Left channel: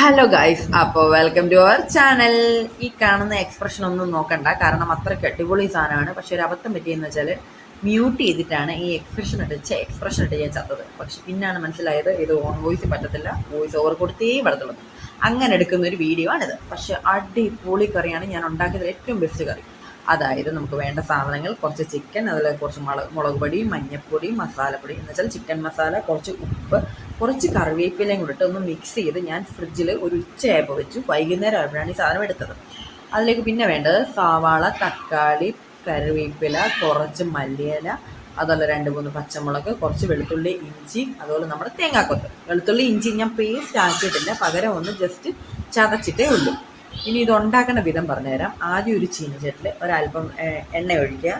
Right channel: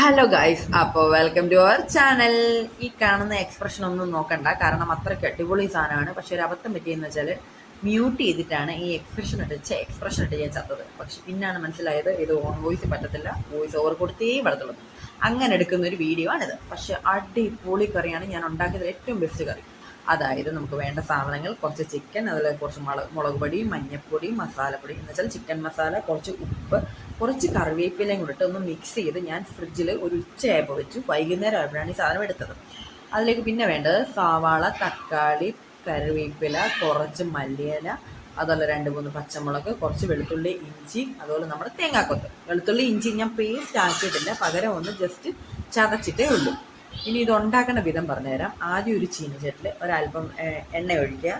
Hello guys, അപ്പോൾ welcome to our channel. ഈ കാണുന്ന എക്സ്പ്രഷൻ ഒന്നും നോക്കണ്ട, കാരണം അത്രയ്ക്ക് അടിപൊളി സാധനമാണ്. പക്ഷെ ഒരു അബദ്ധം പറ്റിയെന്ന് വെച്ചാൽ മ്യൂട്ട് ചെയ്തിട്ടാണ് ഈ എക്സ്പ്രഷൻ ഇട്ട് ഞാൻ ചത്തത്. പക്ഷെ പിന്നാണ് മനസ്സിലായത് ഇത് ഓൺ വോയിസ് പറ്റത്തില്ല, വോയിസ് ഓവർ കൊടുത്തേ പറ്റത്തുള്ളൂ. അങ്ങനെ എടുക്കുന്ന ഒരു വീഡിയോ ആണിത്. പക്ഷെ അടിപൊളി കറിയാണ് ഞാൻ ഉണ്ടാക്കിയതിൽ ഏറ്റവും ബെസ്റ്റ് കറി. അതായത് നമുക്ക് വേണ്ട സാധനങ്ങൾ കുറച്ച് ചിക്കൻ, അതുപോലെ കുറച്ച് മുളക് പൊടി, മഞ്ഞൾപ്പൊടി, മസാലപ്പൊടി എന്ന് വെച്ചാൽ ചിക്കൻ മസാല, കുറച്ച് ഉപ്പ്, കുറച്ച് കറിവേപ്പിലയും കൂടിട്ട് ഒന്ന് മിക്സ് ചെയ്ത് ഞാൻ ഫ്രിഡ്ജിൽ ഒരു ഉച്ചയായപ്പോൾ വെച്ചു. വൈകുന്നേരം ആയപ്പോഴാണ് ഈ സാധനം എടുത്തത്. അതിലേക്ക് പിന്നെ വേണ്ടത് സവാള, തക്കാളി, കറിവേപ്പില, കുറച്ച് മല്ലിയില, അതുപോലെ 2-3 പച്ചമുളക്, കുറച്ച് വെളുത്തുള്ളി, ഇഞ്ചി, അതുപോലെ നമ്മുടെ തേങ്ങാക്കൊത്ത്. വെളുത്തുള്ളി ഇഞ്ചി ഞാൻ പേസ്റ്റ് ആക്കിയിട്ടില്ല, പകരം ഒന്ന് ജസ്റ്റ് ചതച്ചിട്ടേ ഉള്ളൂ. ഇനി ഇത് ഉണ്ടാക്കേണ്ട വിധം പറഞ്ഞുതരാം. ആദ്യം ഒരു ചീനിച്ചട്ടിൽ ഒരല്പം എണ്ണ ഒഴിക്കുക.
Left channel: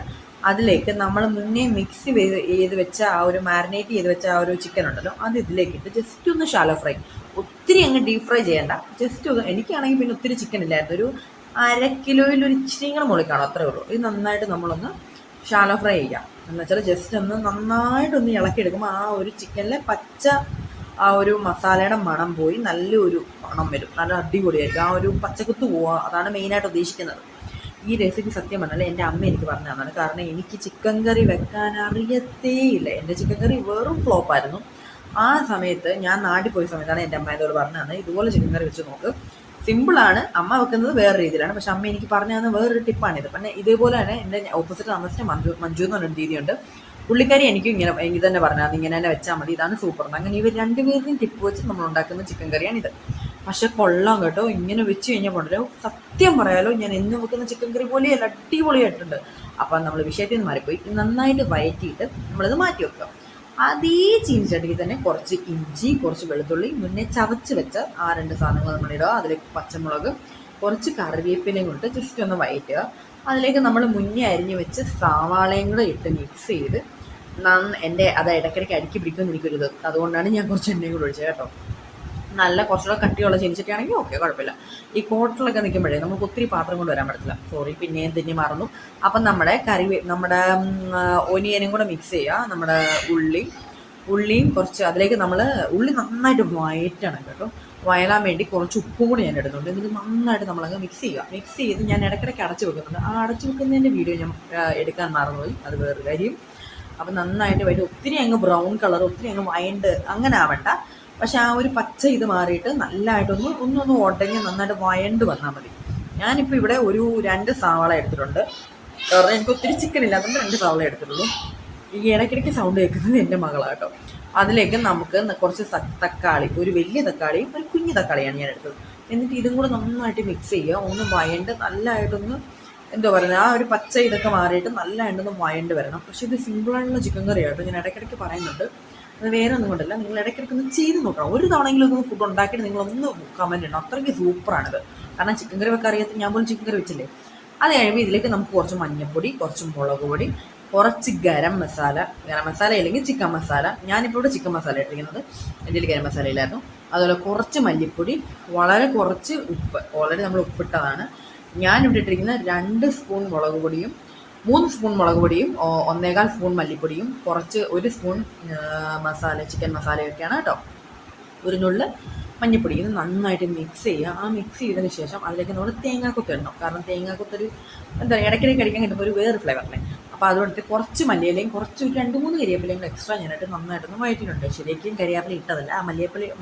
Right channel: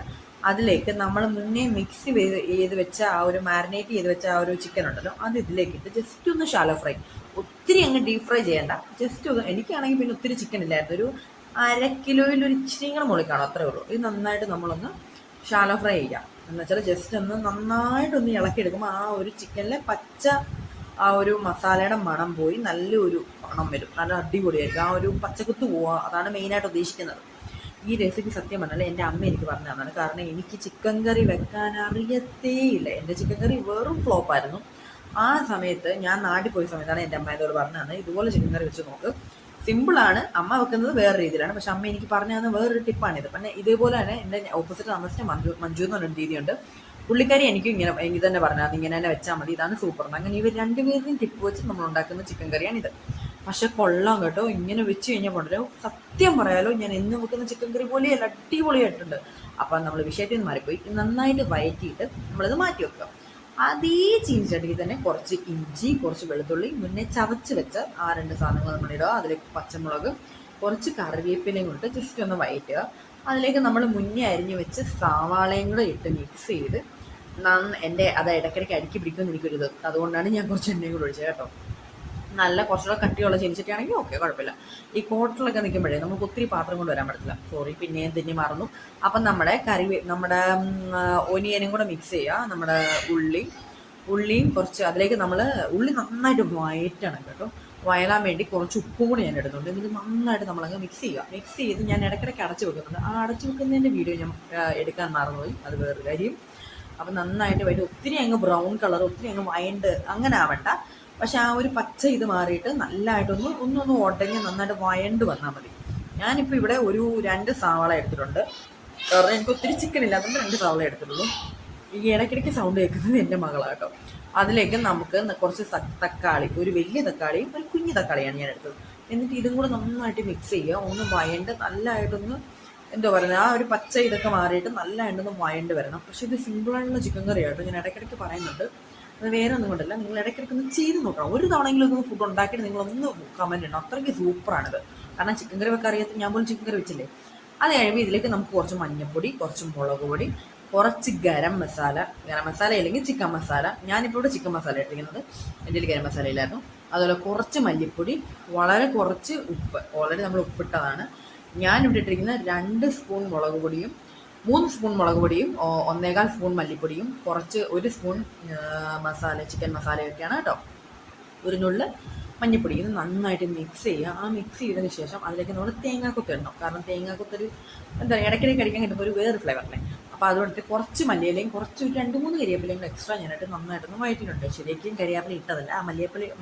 അതിലേക്ക് നമ്മൾ മുന്നേ മിക്സ് ചെയ്ത് വെച്ച മാരിനേറ്റ് ചെയ്ത് വെച്ച ചിക്കൻ ഉണ്ടല്ലോ, അത് ഇതിലേക്കിട്ട് ജസ്റ്റ് ഒന്ന് ഷാലോ ഫ്രൈ. ഒത്തിരി അങ്ങ് ഡീപ് ഫ്രൈ ചെയ്യണ്ട, ജസ്റ്റ് ഒന്ന്. എനിക്കാണെങ്കിൽ പിന്നെ ഒത്തിരി ചിക്കൻ ഇല്ലായിരുന്നു, ഒരു 1/2 കിലോയിൽ ഒരു ഇച്ചിരി കൂടെ മുകളിൽ കാണും, അത്രേ ഉള്ളൂ. ഇത് നന്നായിട്ട് നമ്മളൊന്ന് ഷാലോ ഫ്രൈ ചെയ്യാം. എന്ന് വെച്ചാൽ ജസ്റ്റ് ഒന്ന് നന്നായിട്ടൊന്ന് ഇളക്കിയെടുക്കുമ്പോൾ ചിക്കനിലെ പച്ച മസാലയുടെ മണം പോയി നല്ലൊരു മണം വരും, നല്ല അടിപൊളിയായിരിക്കും. പച്ചക്കുത്ത് പോവുക, അതാണ് മെയിനായിട്ട് ഉദ്ദേശിക്കുന്നത്. ഈ റെസിപ്പി സത്യം പറഞ്ഞാൽ എൻ്റെ അമ്മ എനിക്ക് പറഞ്ഞു തന്നതാണ്. കാരണം എനിക്ക് ചിക്കൻ കറി വെക്കാൻ അറിയത്തേയില്ല. എൻ്റെ ചിക്കൻ കറി വെറും ഫ്ലോപ്പായിരുന്നു. ആ സമയത്ത് ഞാൻ നാട്ടിൽ പോയ സമയത്താണ് എൻ്റെ അമ്മ എന്നോട് പറഞ്ഞു തന്നത്, ഇതുപോലെ ചിക്കൻ കറി വെച്ച് നോക്ക്, സിമ്പിളാണ്. അമ്മ വെക്കുന്നത് വേറെ രീതിയിലാണ്, പക്ഷെ അമ്മ എനിക്ക് പറഞ്ഞു തന്ന വേറൊരു ടിപ്പാണിത്. പിന്നെ ഇതേപോലെ തന്നെ എൻ്റെ ഓപ്പോസിറ്റ് താമസിച്ച മഞ്ജു എന്ന് പറഞ്ഞൊരു രീതിയുണ്ട്. പുള്ളിക്കാരി എനിക്കും എനിക്ക് തന്നെ പറഞ്ഞാൽ അത് ഇങ്ങനെ തന്നെ വെച്ചാൽ മതി, ഇതാണ് സൂപ്പർ. അങ്ങനെ ഇവർ രണ്ടുപേരുടെയും ടിപ്പ് വെച്ച് നമ്മൾ ഉണ്ടാക്കുന്ന ചിക്കൻ കറിയാണിത്. പക്ഷെ കൊള്ളാം കേട്ടോ, ഇങ്ങനെ വെച്ച് കഴിഞ്ഞാൽ കൊണ്ടല്ലോ. സത്യം പറയാലോ, ഞാൻ എന്നും വെക്കുന്ന ചിക്കൻ കറി പോലെയല്ല, അടിപൊളിയായിട്ടുണ്ട്. അപ്പം നമ്മൾ വിഷയത്തിൽ നിന്ന് മാറിപ്പോയി. നന്നായിട്ട് വയറ്റിയിട്ട് നമ്മളിത് മാറ്റി വെക്കുക. അതേ ചീനിച്ചട്ടിക്ക് തന്നെ കുറച്ച് ഇഞ്ചി, കുറച്ച് വെളുത്തുള്ളി, മുന്നേ ചതച്ച് വെച്ച 2 സാധനങ്ങൾ നമ്മളിടുക. അതിലേക്ക് പച്ചമുളക്, കുറച്ച് കറിവേപ്പിലയും കൊടുത്ത് ജസ്റ്റ് ഒന്ന് വയറ്റുക. അതിലേക്ക് നമ്മൾ മുന്നേ അരിഞ്ഞ് വെച്ച് സവാളയും കൂടെ ഇട്ട് മിക്സ് ചെയ്ത് അത് ഇടയ്ക്കിടയ്ക്ക് അടുക്കി പിടിക്കുമെന്നിരിക്കരുത്, അതുകൊണ്ടാണ് ഞാൻ കുറച്ച് എണ്ണയും കൂടെ ഒഴിച്ചത് കേട്ടോ. നല്ല കുറച്ചുകൂടെ കട്ടിയുള്ള ചീനിച്ചട്ടിയാണെങ്കിൽ ഓക്കെ, കുഴപ്പമില്ല. ഈ ഹോട്ടലൊക്കെ നിൽക്കുമ്പോഴേ നമുക്ക് ഒത്തിരി പാത്രം കൊണ്ട് വരാൻ പറ്റില്ല. സോറി, പിന്നെയും തിന്നി മറന്നു. അപ്പം നമ്മുടെ ഒനിയനും കൂടെ മിക്സ് ചെയ്യുക. നമ്മുടെ ഉള്ളിയും കുറച്ച് അതിലേക്ക് നമ്മൾ ഉള്ളി നന്നായിട്ട് വയറ്റണം കേട്ടോ. വയലാൻ വേണ്ടി കുറച്ച് ഉപ്പും കൂടി ഞാൻ ഇടുന്നുണ്ട്. എന്നിട്ട് നന്നായിട്ട് നമ്മളങ്ങ് മിക്സ് ചെയ്യുക. മിക്സ് ചെയ്ത് ഞാൻ ഇടയ്ക്കിടയ്ക്ക് അടച്ചു വെക്കുന്നുണ്ട്. ആ അടച്ചു വെക്കുന്നതിൻ്റെ വീഡിയോ ഞാൻ എടുക്കാൻ മറന്നുപോയി, അത് വേറൊരു കാര്യം. അപ്പം നന്നായിട്ട് ഒത്തിരി അങ്ങ് ബ്രൗൺ കളർ, ഒത്തിരി അങ്ങ് വയണ്ട് അങ്ങനെ ആവണ്ട. പക്ഷെ പച്ച ഇത് മാറിയിട്ട് നല്ലതായിട്ടൊന്ന് ഉടഞ്ഞ് നന്നായിട്ട് വയണ്ട് വന്നാൽ മതി. ഞാനിപ്പോൾ ഇവിടെ ഒരു 2 സവാള എടുത്തിട്ടുണ്ട്. കാരണം എനിക്ക് ഒത്തിരി ചിക്കൻ ഇല്ല, അതുകൊണ്ട് 2 സവാള എടുത്തിട്ടുള്ളൂ. ഈ ഇടയ്ക്കിടയ്ക്ക് സൗണ്ട് കേൾക്കുന്നത് എൻ്റെ മകളാട്ടോ. അതിലേക്ക് നമുക്ക് കുറച്ച് തക്കാളി, ഒരു വലിയ തക്കാളിയും ഒരു കുഞ്ഞു തക്കാളിയാണ് ഞാൻ എടുത്തത്. എന്നിട്ട് ഇതും കൂടെ നന്നായിട്ട് മിക്സ് ചെയ്യുക. ഒന്ന് വയണ്ട് നല്ലതായിട്ടൊന്ന് എന്താ പറയുന്നത്, പച്ച ഇതൊക്കെ മാറിയിട്ട് നല്ലതായിട്ടൊന്ന് വയണ്ട് വരണം. പക്ഷെ ഇത് സിമ്പിളായിട്ടുള്ള ചിക്കൻ കറി ആട്ടോ, ഞാൻ ഇടയ്ക്കിടയ്ക്ക് പറയുന്നുണ്ട്. അത് വേറെ ഒന്നും കൊണ്ടല്ല, നിങ്ങൾ ഇടയ്ക്കിടയ്ക്ക് ഒന്ന് ചെയ്ത് നോക്കണം. ഒരു തവണയെങ്കിലും ഒന്ന് ഫുഡ് ഉണ്ടാക്കിയിട്ട് നിങ്ങളൊന്ന് കമൻറ്റ് ഇടണം, അത്രയ്ക്ക് സൂപ്പറാണിത്. കാരണം ചിക്കൻ കറി വെക്കാൻ അറിയാത്ത ഞാൻ പോലും ചിക്കൻ കറി വെച്ചില്ലേ. അത് കഴിയുമ്പോൾ ഇതിലേക്ക് നമുക്ക് കുറച്ച് മഞ്ഞൾപ്പൊടി, കുറച്ച് മുളക് പൊടി, കുറച്ച് ഗരം മസാല അല്ലെങ്കിൽ ചിക്കൻ മസാല. ഞാനിപ്പോൾ ഇവിടെ ചിക്കൻ മസാല ഇട്ടിരിക്കുന്നത്, എൻ്റെ ഗരം മസാല ഇല്ലായിരുന്നു. അതുപോലെ കുറച്ച് മല്ലിപ്പൊടി, വളരെ കുറച്ച് ഉപ്പ്, ഓൾറെഡി നമ്മൾ ഉപ്പിട്ടതാണ്. ഞാനിവിടെ ഇട്ടിരിക്കുന്നത് 2 സ്പൂൺ മുളക് പൊടിയും, 3 സ്പൂൺ മുളക് പൊടിയും, 1.25 സ്പൂൺ മല്ലിപ്പൊടിയും, കുറച്ച് 1 സ്പൂൺ ചിക്കൻ മസാലയൊക്കെയാണ് കേട്ടോ. ഒരു നുള്ള് മഞ്ഞൾപ്പൊടി. ഇത് നന്നായിട്ട് മിക്സ് ചെയ്യുക. ആ മിക്സ് ചെയ്തതിന് ശേഷം അതിലേക്ക് നമ്മൾ തേങ്ങാക്കൊത്ത് ഇടണം. കാരണം തേങ്ങാക്കൊത്തൊരു ഇടയ്ക്കിടയ്ക്ക് അടിക്കാൻ കിട്ടുമ്പോൾ ഒരു വേറെ ഫ്ലേവറിനെ. അപ്പോൾ അതുകൊണ്ടിട്ട് കുറച്ച് മല്ലിയിലയും കുറച്ച് 2-3 കരിവേപ്പിലയും എക്സ്ട്രാ ഞാനായിട്ട് നന്നായിട്ടൊന്ന് വഴറ്റിയിട്ടുണ്ട്. ശരിക്കും കരിവേപ്പില ഇട്ടതല്ല, ആ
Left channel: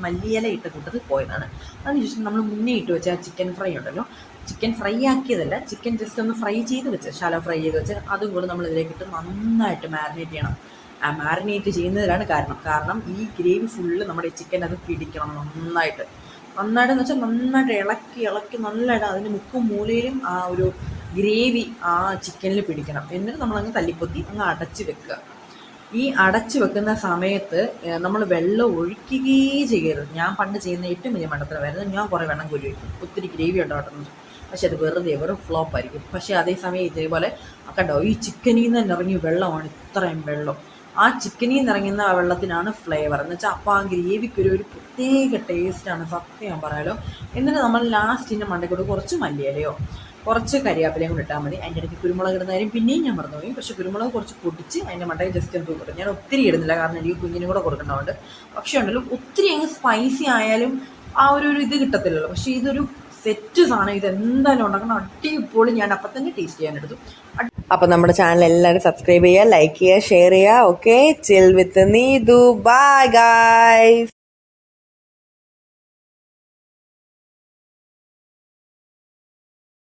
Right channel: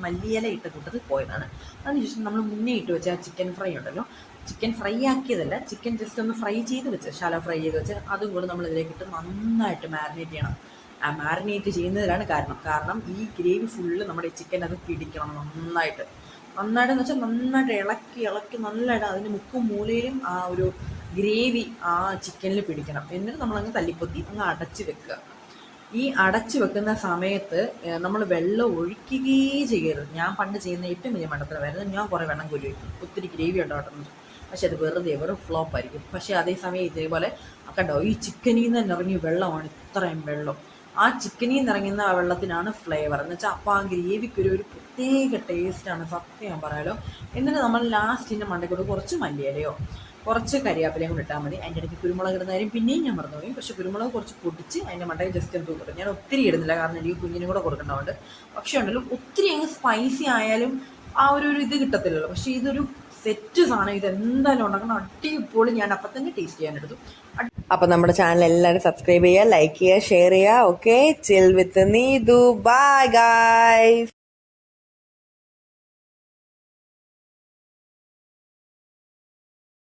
മല്ലിയില ഇട്ട കൂട്ടത്തിൽ പോയതാണ്. അതിനുശേഷം നമ്മൾ മുന്നേ ഇട്ട് വെച്ച ചിക്കൻ ഫ്രൈ ഉണ്ടല്ലോ, ചിക്കൻ ഫ്രൈ ആക്കിയതല്ല, ചിക്കൻ ജസ്റ്റ് ഒന്ന് ഫ്രൈ ചെയ്ത് വെച്ച്, ഷാലോ ഫ്രൈ ചെയ്ത് വെച്ച്, അതും കൂടെ നമ്മൾ ഇതിലേക്കിട്ട് നന്നായിട്ട് മാരിനേറ്റ് ചെയ്യണം. മാരിനേറ്റ് ചെയ്യുന്നതിലാണ് കാരണം ഈ ഗ്രേവി ഫുള്ള് നമ്മുടെ ചിക്കൻ അത് പിടിക്കണം നന്നായിട്ടെന്ന് വെച്ചാൽ നന്നായിട്ട് ഇളക്കി നല്ലതായിട്ട് അതിൻ്റെ മുക്കും മൂലയിലും ഗ്രേവി ചിക്കനിൽ പിടിക്കണം. എന്നിട്ട് നമ്മളങ്ങ് തല്ലിപ്പൊത്തി അങ്ങ് അടച്ച് വെക്കുക. ഈ അടച്ചു വെക്കുന്ന സമയത്ത് നമ്മൾ വെള്ളം ഒഴിക്കുകയേ ചെയ്യരുത്. ഞാൻ പണ്ട് ചെയ്യുന്ന ഏറ്റവും വലിയ മണ്ടത്തരമായിരുന്നു, ഞാൻ കുറേ വെള്ളം കോരി വയ്ക്കും, ഒത്തിരി ഗ്രേവി ഉണ്ടാകുന്നത്. പക്ഷെ അത് വെറും ഫ്ലോപ്പ് ആയിരിക്കും. പക്ഷേ അതേസമയം ഇതേപോലെ കണ്ടോ, ഈ ചിക്കനിൽ നിന്ന് തന്നെ ഇറങ്ങിയ വെള്ളമാണ് ഇത്രയും വെള്ളം. ആ ചിക്കനിൽ നിന്ന് ഇറങ്ങുന്ന ആ വെള്ളത്തിനാണ് ഫ്ലേവർ എന്ന് വെച്ചാൽ. അപ്പോൾ ആ ഗ്രേവിക്ക് ഒരു പ്രത്യേക ടേസ്റ്റാണ്, സത്യം പറയാലോ. എന്നിട്ട് നമ്മൾ ലാസ്റ്റിൻ്റെ മണ്ടയ്ക്കോട്ട് കുറച്ച് മല്ലിയിലയോ കുറച്ച് കരിയാപ്പിലയും കൂടെ ഇട്ടാൽ മതി. അതിൻ്റെ ഇടയ്ക്ക് കുരുമുളക് ഇടുന്ന കാര്യം പിന്നെയും ഞാൻ മറന്നുപോയി. പക്ഷേ കുരുമുളക് കുറച്ച് പൊടിച്ച് അതിൻ്റെ മണ്ടയിൽ ജസ്റ്റ് ഒന്ന് കൊടുക്കും. ഞാൻ ഒത്തിരി ഇടുന്നില്ല, കാരണം എനിക്ക് കുഞ്ഞിനും കൂടെ കൊടുക്കേണ്ടതുകൊണ്ട്. പക്ഷേ ഉണ്ടല്ലോ, ഒത്തിരി അങ്ങ് സ്പൈസി ആയാലും ആ ഒരു ഇത് കിട്ടത്തില്ലല്ലോ. പക്ഷേ ഇതൊരു സെറ്റ് സാധനം, ഇത് എന്തായാലും ഉണ്ടാക്കണം, അടിപൊളി. ഞാൻ അപ്പം തന്നെ ടേസ്റ്റ് ചെയ്യാൻ എടുത്തു. അപ്പം നമ്മുടെ ചാനൽ എല്ലാവരും സബ്സ്ക്രൈബ് ചെയ്യുക, ലൈക്ക് ചെയ്യുക, ഷെയർ ചെയ്യുക. Okay, chill with Neethu. Bye guys.